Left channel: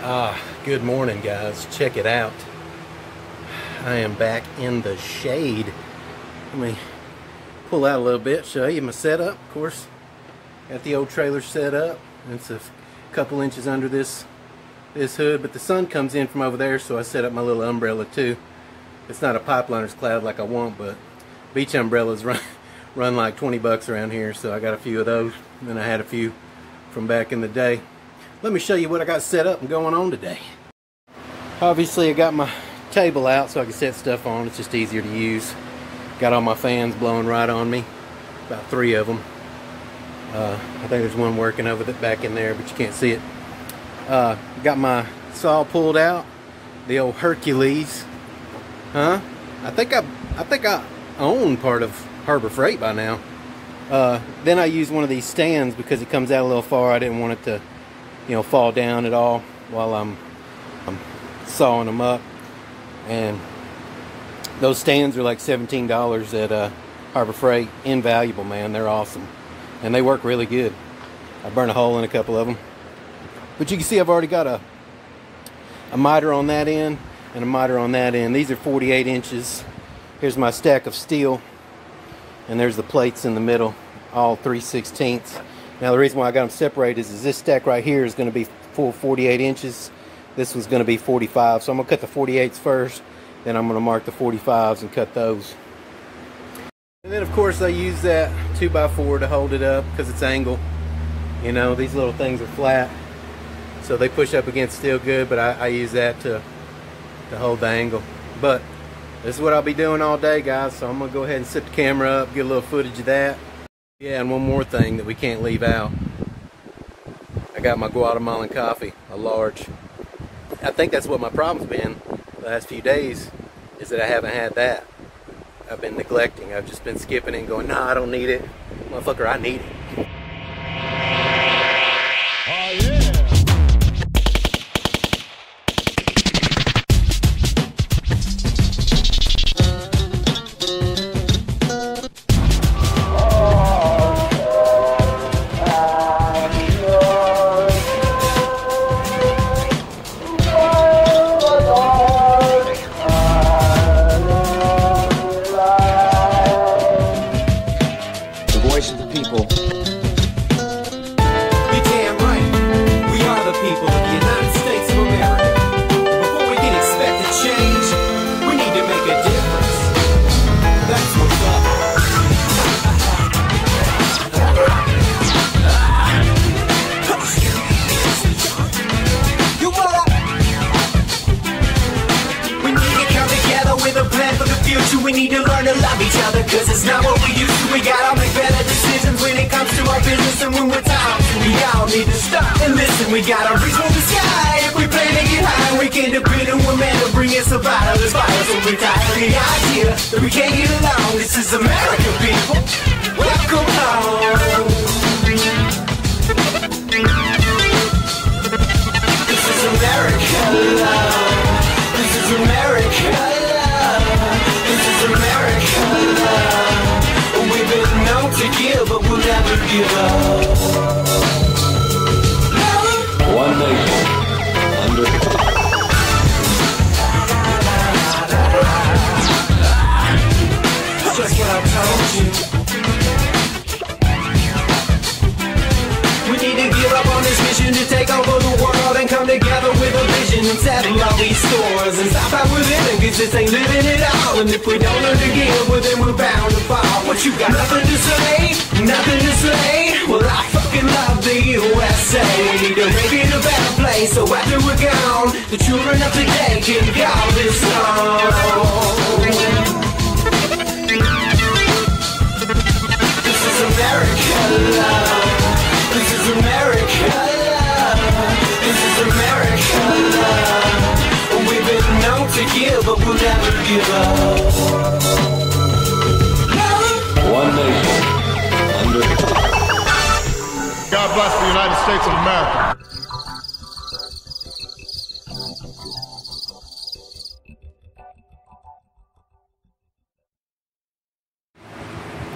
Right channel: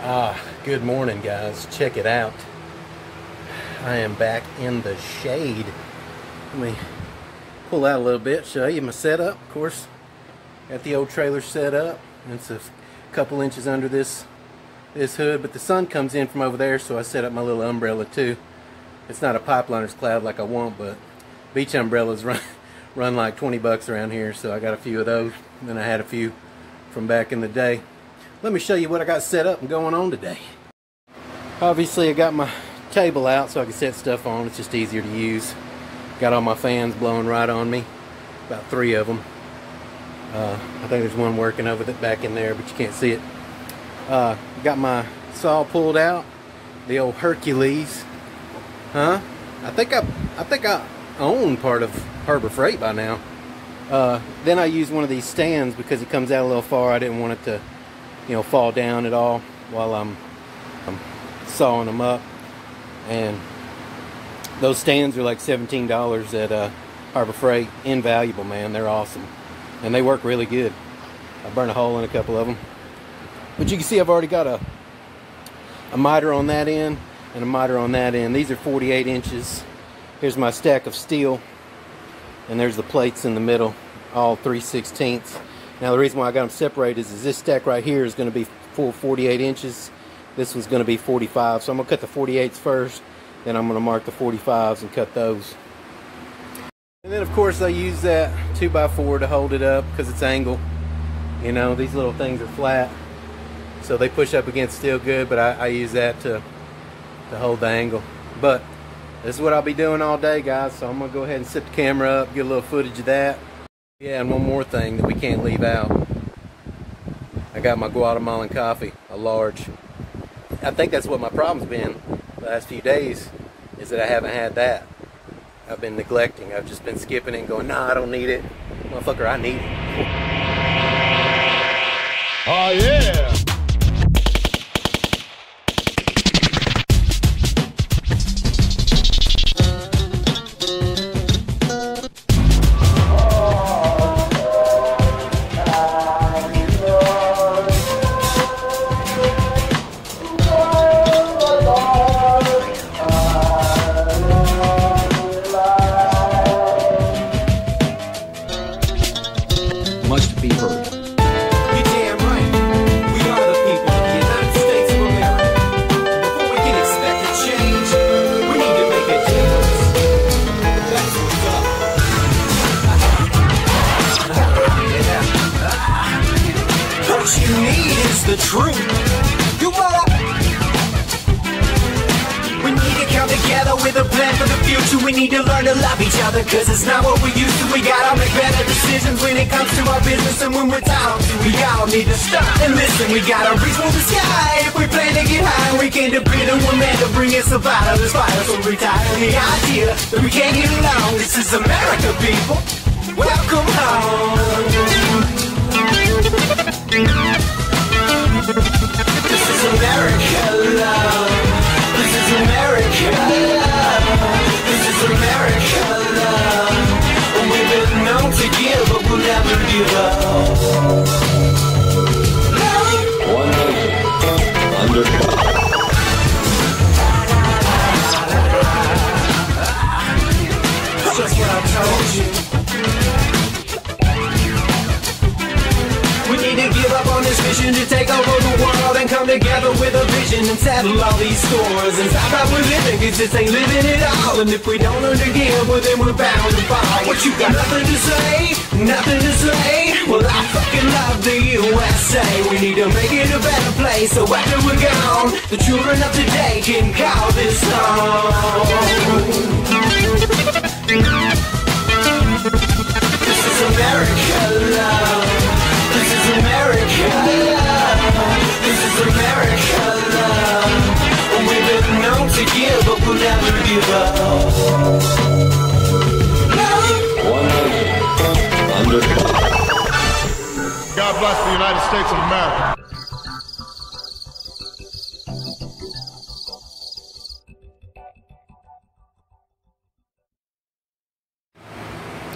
Good morning, guys. Check it out. I am back in the shade. Let me pull out a little bit, show you my setup. Of course, got the old trailer set up. It's a couple inches under this hood, but the sun comes in from over there, so I set up my little umbrella too. It's not a pipeliner's cloud like I want, but beach umbrellas run like 20 bucks around here, so I got a few of those. And then I had a few from back in the day. Let me show you what I got set up and going on today. Obviously, I got my table out so I can set stuff on. It's just easier to use. Got all my fans blowing right on me. About 3 of them. I think there's one working over the back in there, but you can't see it. Got my saw pulled out. The old Hercules. I think I own part of Harbor Freight by now. Then I use one of these stands because it comes out a little far. I didn't want it to, fall down at all while I'm sawing them up. And those stands are like $17 at Harbor Freight. Invaluable, man. They're awesome, and they work really good. I burned a hole in a couple of them, but you can see I've already got a miter on that end and a miter on that end. These are 48 inches. Here's my stack of steel, and there's the plates in the middle, all 3/16. Now the reason why I got them separated is this stack right here is going to be full 48 inches. This one's going to be 45, so I'm going to cut the 48s first, then I'm going to mark the 45s and cut those. And then of course I use that 2x4 to hold it up because it's angle. These little things are flat, so they push up against steel good, but I use that to hold the angle. But this is what I'll be doing all day, guys, so I'm going to go ahead and set the camera up, get a little footage of that. Yeah, and one more thing that we can't leave out. I got my Guatemalan coffee, a large. I think that's what my problem's been the last few days, is that I haven't had that. I've been neglecting. I've just been skipping it and going, nah, I don't need it. Motherfucker, I need it. Oh, yeah!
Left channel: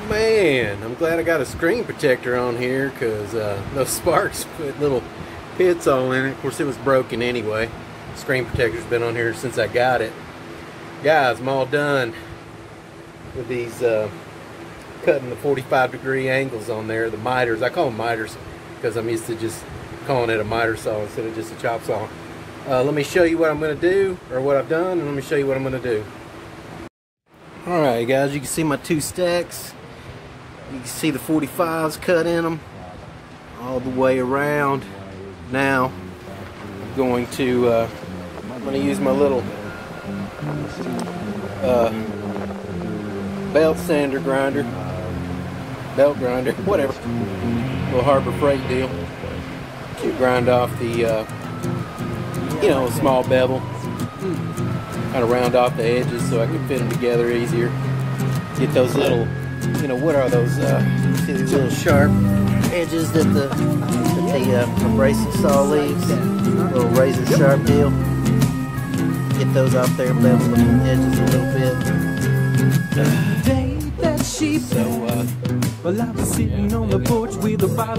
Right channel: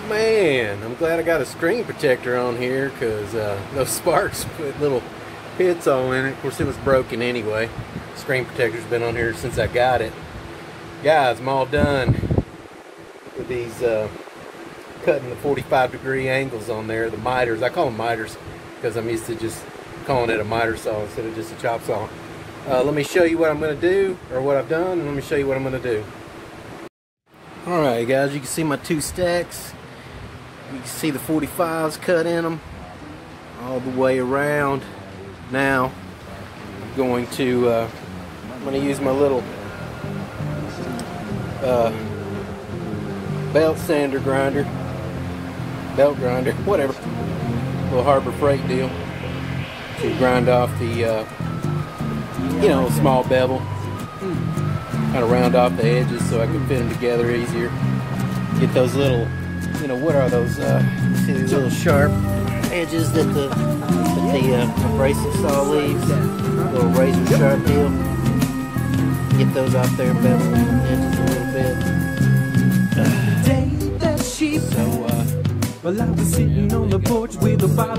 Man, I'm glad I got a screen protector on here, because those sparks put little It's all in it. Of course, it was broken anyway. Screen protector's been on here since I got it. Guys, I'm all done with these cutting the 45-degree angles on there, the miters. I call them miters because I'm used to just calling it a miter saw instead of just a chop saw. Let me show you what I'm going to do, or what I've done, and let me show you what I'm going to do. Alright guys, you can see my 2 stacks. You can see the 45s cut in them all the way around. Now I'm going to use my little belt sander grinder, belt grinder, whatever, little Harbor Freight deal, to grind off the you know, small bevel, kind of round off the edges so I can fit them together easier. Get those little, you know, what are those? You see these little sharp edges that the abrasive saw leaves, little razor sharp deal. Get those off there and bevel the edges a little bit. So, yeah, thank God for Harbor Freight.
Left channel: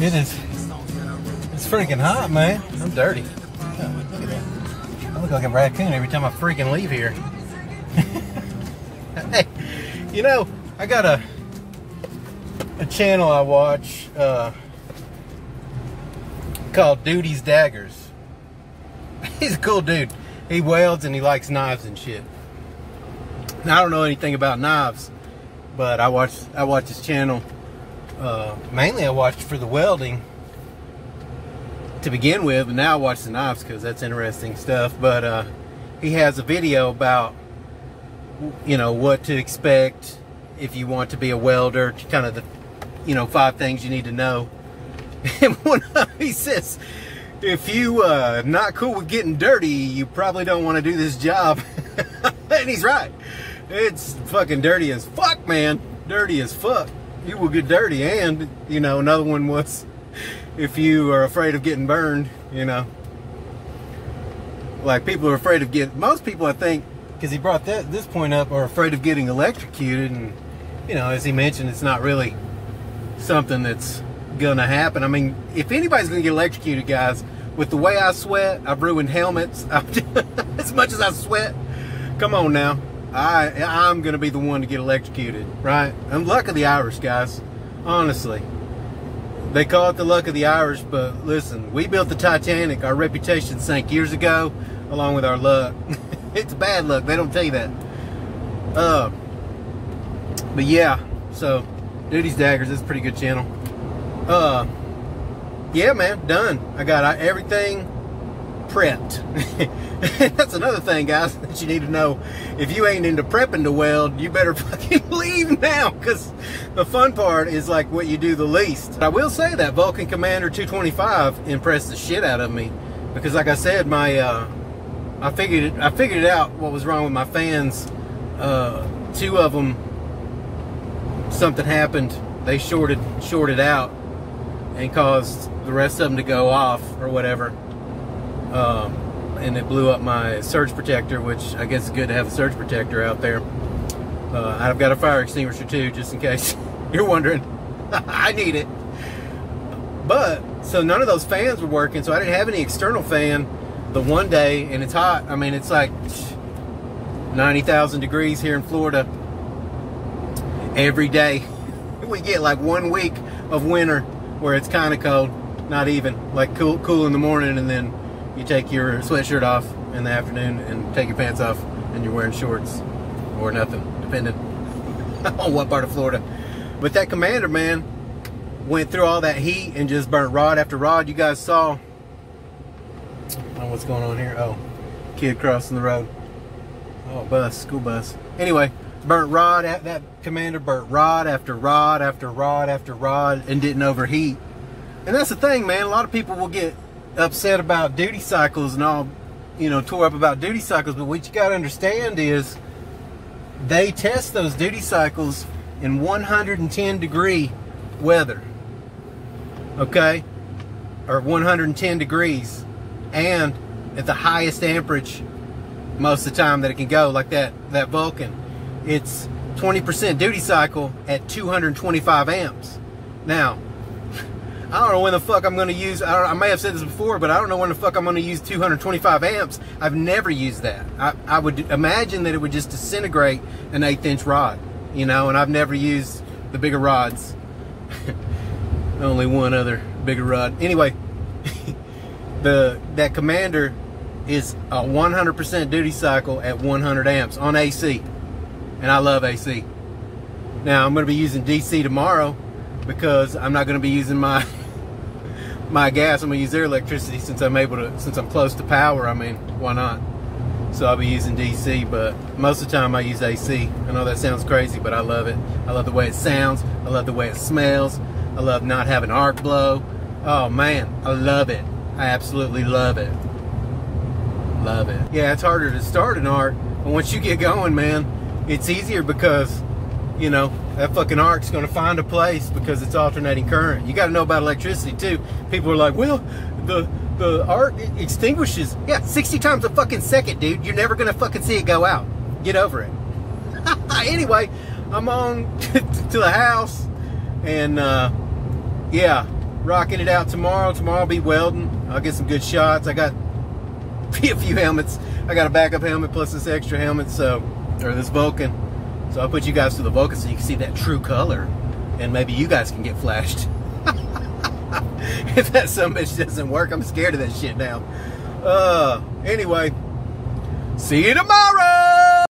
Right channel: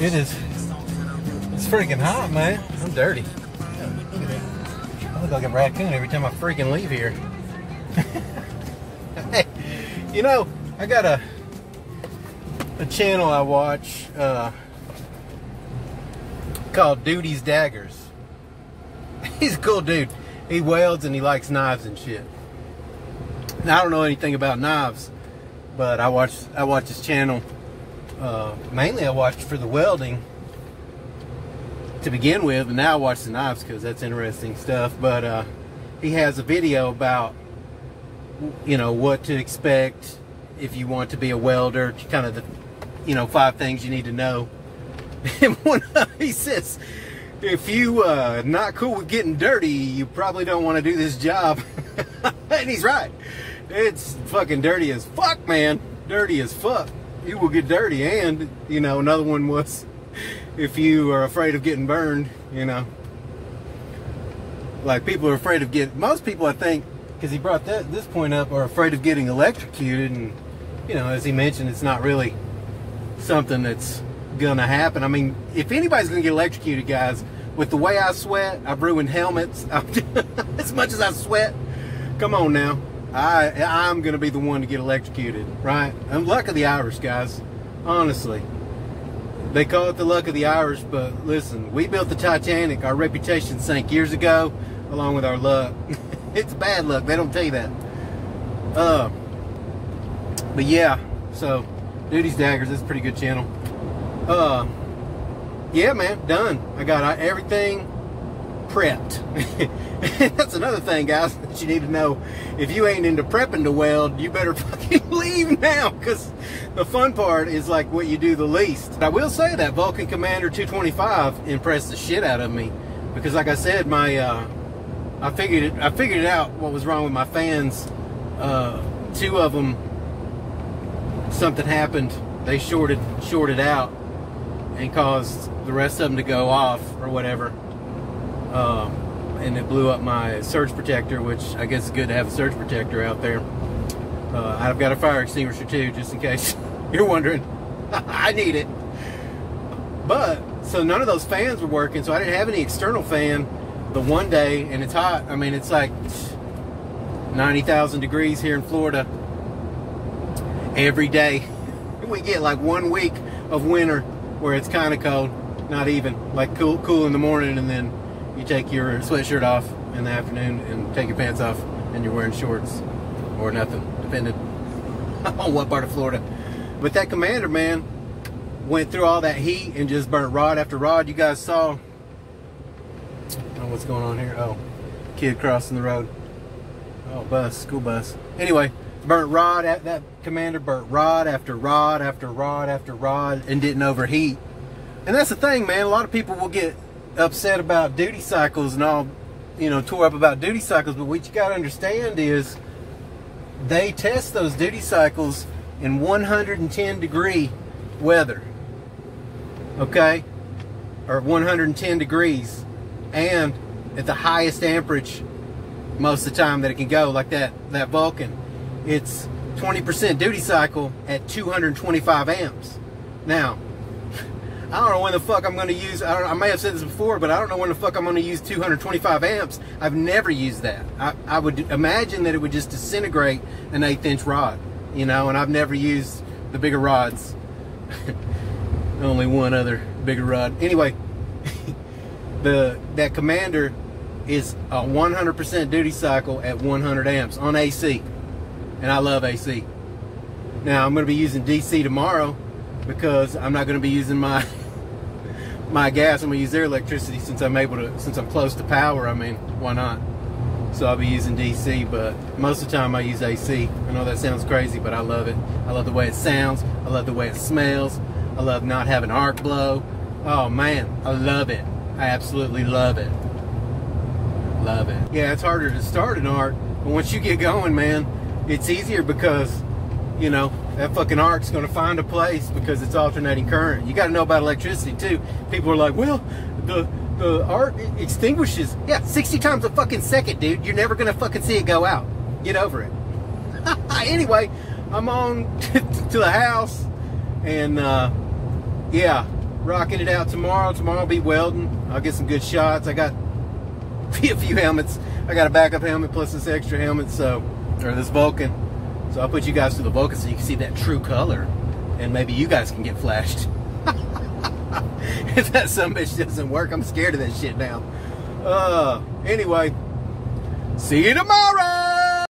It's freaking hot, man. I'm dirty. Oh, look at that. I look like a raccoon every time I freaking leave here. Hey, you know, I got a channel I watch called Duty's Daggers. He's a cool dude. He welds and he likes knives and shit. Now, I don't know anything about knives, but I watch his channel. Mainly I watched for the welding to begin with, and now I watch the knives because that's interesting stuff. But he has a video about, you know, what to expect if you want to be a welder, kind of the, you know, 5 things you need to know. And one of he says, if you not cool with getting dirty, you probably don't want to do this job. And he's right. It's fucking dirty as fuck, man. Dirty as fuck. You will get dirty. And, you know, another one was, if you are afraid of getting burned, you know. Like, people are afraid of getting, most people, I think, because he brought this point up, are afraid of getting electrocuted. And, you know, as he mentioned, it's not really something that's gonna happen. I mean, if anybody's gonna get electrocuted, guys, with the way I sweat, I've ruined helmets. As much as I sweat, come on now. I'm gonna be the one to get electrocuted, right? I'm luck of the Irish, guys. Honestly, they call it the luck of the Irish, but listen, we built the Titanic. Our reputation sank years ago, along with our luck. It's bad luck. They don't tell you that. But yeah, so Duty's Daggers is a pretty good channel. Yeah, man, done. I got everything prepped. That's another thing, guys, that you need to know. If you ain't into prepping to weld, you better fucking leave now, because the fun part is like what you do the least. I will say that Vulcan Commander 225 impressed the shit out of me, because like I said, my I figured it out what was wrong with my fans. 2 of them, something happened. They shorted out and caused the rest of them to go off or whatever. And it blew up my surge protector, which I guess is good to have a surge protector out there. I've got a fire extinguisher too, just in case you're wondering. I need it. But, so none of those fans were working, so I didn't have any external fan the one day, and it's hot. I mean, it's like 90,000 degrees here in Florida every day. We get like 1 week of winter where it's kind of cold, not even, like cool in the morning, and then you take your sweatshirt off in the afternoon and take your pants off and you're wearing shorts or nothing, depending on what part of Florida. But that Commander, man, went through all that heat and just burnt rod after rod. You guys saw, oh, what's going on here? Oh, kid crossing the road. Oh, bus, school bus. Anyway, burnt rod, that Commander burnt rod after rod after rod after rod and didn't overheat. And that's the thing, man. A lot of people will get upset about duty cycles and all, you know, tore up about duty cycles, but what you got to understand is they test those duty cycles in 110 degree weather, okay, or 110 degrees, and at the highest amperage most of the time that it can go, like that Vulcan. It's 20% duty cycle at 225 amps. Now, I don't know when the fuck I'm going to use, I may have said this before, but I don't know when the fuck I'm going to use 225 amps. I've never used that. I would imagine that it would just disintegrate an 1/8 inch rod, you know, and I've never used the bigger rods. Only one other bigger rod. Anyway, that Commander is a 100% duty cycle at 100 amps on AC. And I love AC. Now, I'm going to be using DC tomorrow, because I'm not going to be using my gas. I'm going to use their electricity since I'm close to power. I mean, why not? So I'll be using DC, but most of the time I use AC. I know that sounds crazy, but I love it. I love the way it sounds. I love the way it smells. I love not having arc blow. Oh man, I love it. I absolutely love it. Love it. Yeah, it's harder to start an arc, but once you get going, man, it's easier, because you know, that fucking arc's gonna find a place because it's alternating current. You gotta know about electricity too. People are like, well, the arc extinguishes. Yeah, 60 times a fucking second, dude. You're never gonna fucking see it go out. Get over it. Anyway, I'm on to the house, and yeah, rocking it out tomorrow. Tomorrow I'll be welding. I'll get some good shots. I got a few helmets. I got a backup helmet plus this extra helmet, or this Vulcan. So I'll put you guys through the Vulcan so you can see that true color, and maybe you guys can get flashed. If that some bitch doesn't work, I'm scared of that shit now. Anyway, see you tomorrow.